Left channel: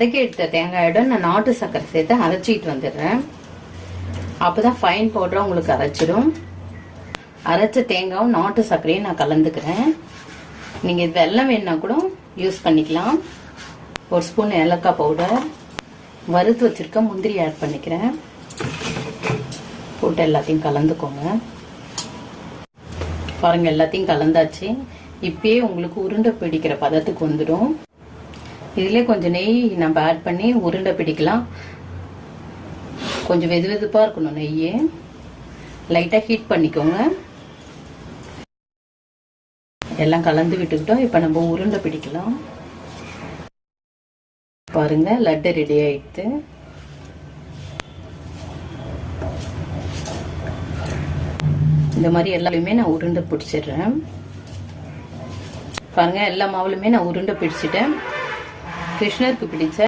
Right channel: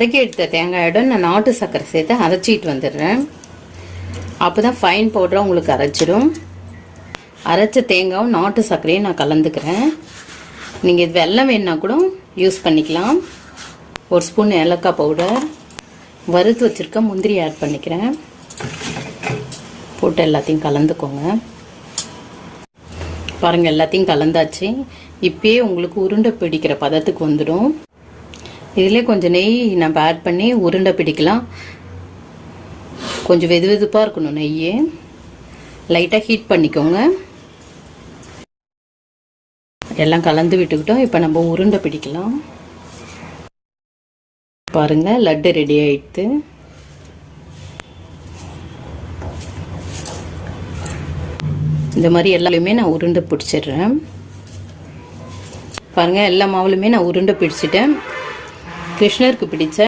வதக்கி எடுத்த தேங்காயோட நான் நாட்டு சர்க்கரை சேர்த்து அரைச்சிட்டு வந்துடுறேன். அப்போதான் ஃபைன் பவுடராக உங்களுக்கு அரைச்சிடும். அரைச்ச தேங்காயும் நாட்டு சர்க்கரையும் நான் கலந்துக்கிறேன். நீங்கள் வெல்லம் வேணுன்னா கூட யூஸ் பண்ணிக்கலாம். 1 ஸ்பூன் ஏலக்காய் பவுடர், வறுத்து வச்சுருக்க முந்திரி ஆட் பண்ணிக்கிறேன். போட்டு எல்லாத்தையும் கலந்துக்கோங்க. பாருங்கள், எல்லாத்தையும் கலந்தாச்சு. இப்பயே உங்களுக்கு உருண்டை பிடிக்கிற பதத்துக்கு வந்துடும். இதிலே கொஞ்சம் நெய் நம்ம ஆட் பண்ணி உருண்டை பிடிக்கலாம். கொஞ்சம் வெது வெதுப்பாக இருக்கணும். நெய்யே லைட்டாக ஹீட் பண்ணிக்கோங்க. எல்லாம் கலந்து விட்டுக்கிட்டோம். இப்போ நம்ம உருண்டை பிடிக்கலாம். பாருங்கள், லட்டு ரெடி ஆயிடுது. இந்த மாதிரி எல்லாமே நான் உருண்டை பிடிச்சிடுறேன். பாருங்கள், எல்லா மாவுலுமே நான் உருண்டை பிடிச்சிட்டேன். கிருஷ்ணருக்கு பிடிச்ச